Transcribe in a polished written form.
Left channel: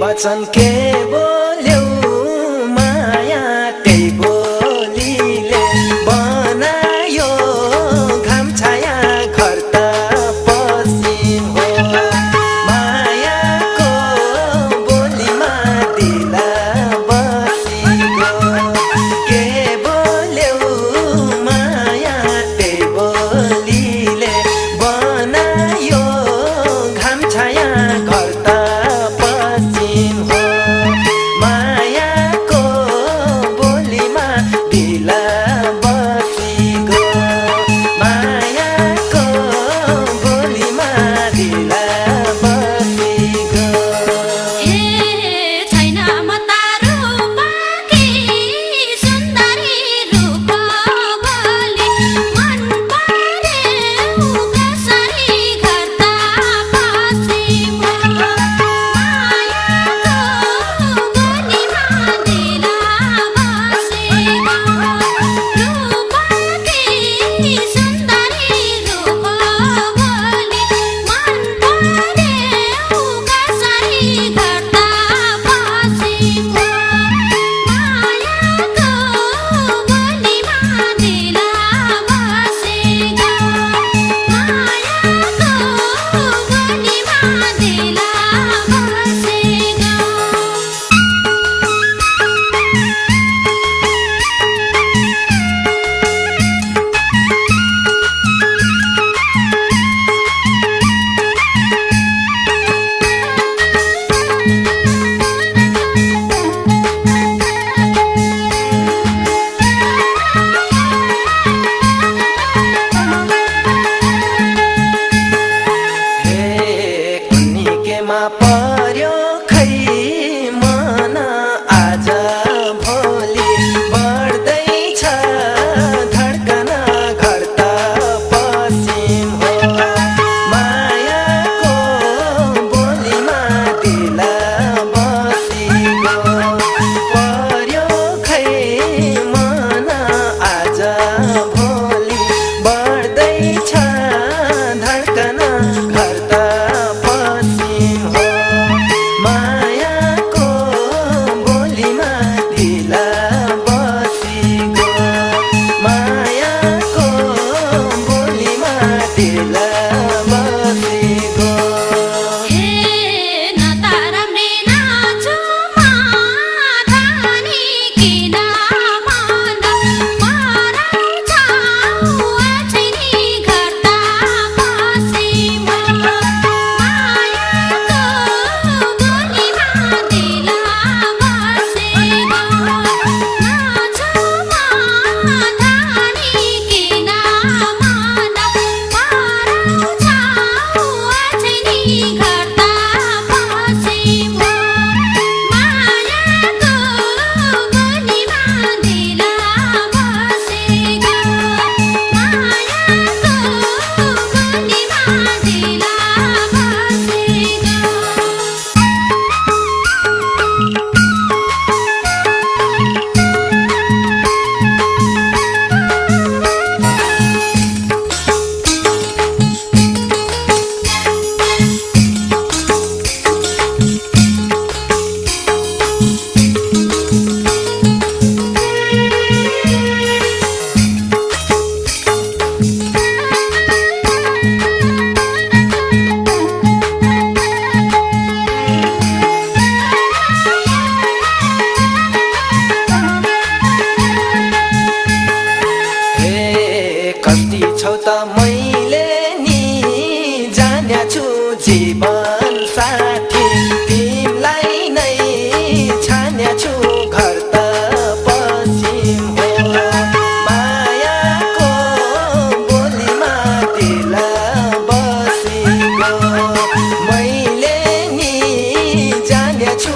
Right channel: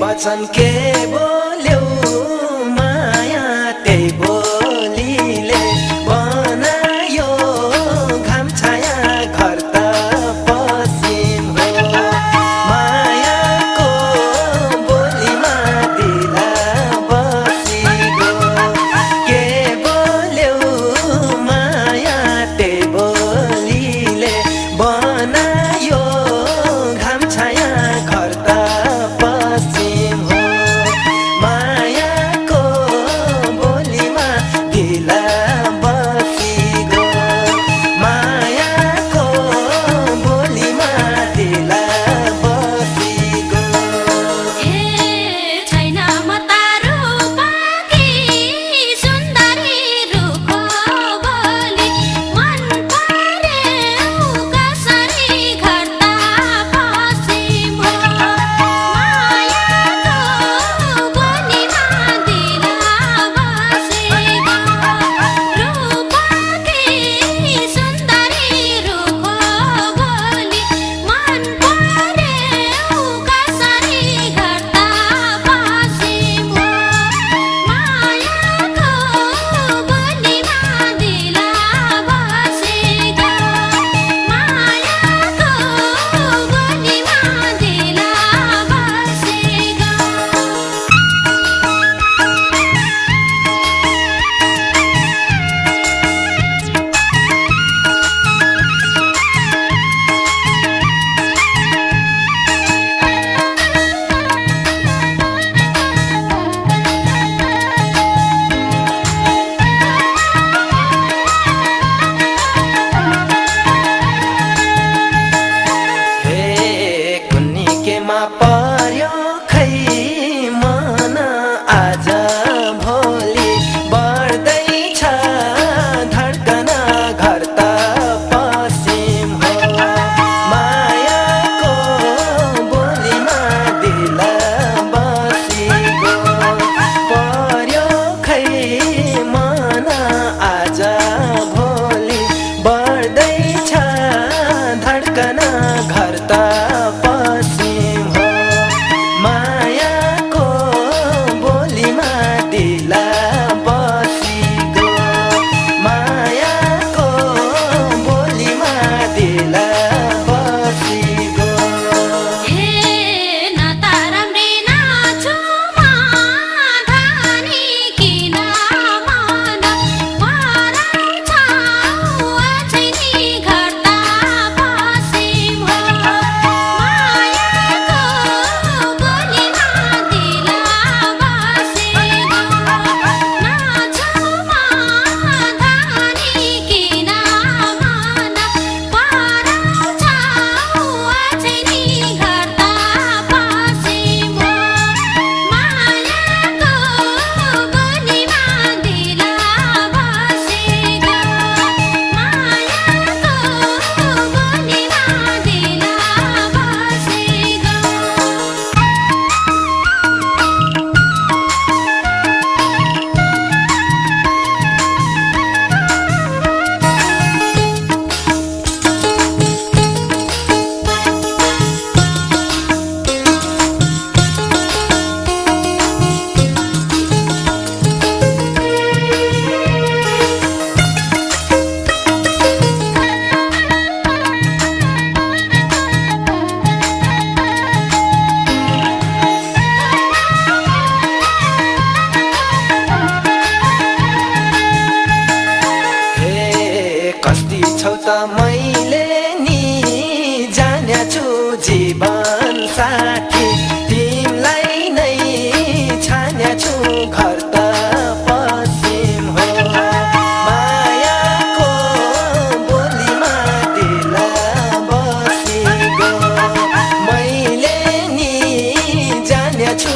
वचन के बोल्यौ माया त्यही बोलीले बनायो घाम छाया घर त पश्चिम हो। मायाको बोलीमा दिला बसी गयो के बोल्यौ माया त्यही बोलीले बनायो घाम छाया घर त पश्चिम हो। मायाको बोलीमा ढिला बसी गयो मायाको बोलीमा ढिला बसी गयो। छैन म तारो पाकी सुन्दरी रुखो बोली मन पर्यो कसरी घर त पश्चिम हो। मायाको बोलीमा ढिला बसी गयो रूपकी सुन्दरी रुखो बोली मन पर्यो कसरी घर त पश्चिम हो। मायाको बोलीमा ढिला बसी गयो मायाको बोलीमा ढिला बसी हे कुन्नी केमा पर्यो खै मन आज भोलि बढ्दैछ धड्कन घर त पश्चिम हो। मायाको बोलीमा ढिला बसी गयो पर्यो खै मन आज भोलि बढ्दैछ धड्कन घर त पश्चिम हो। मायाको बोलीमा ढिला बसी गयो मायाको बोलीमा ढिला बसी गयो। न ताराम्रे नाचो धनी किन मन पराउँछ अछिनी घर त पश्चिम हो। मायाको बोलीमा ढिला बसी गयो नाचो धनी किन मन पराउँछ अछिनी घर त पश्चिम हो। मायाको बोलीमा ढिला बसी गयो मायाको बोलीमा ढिला बसी हे कति छौ त मैले नि जान्या छु जीवन साथी तिमीलाई नै छान्या छु घर त पश्चिम हो। मायाको बोलीमा ढिला बसी गयो मैले नि जान्या छु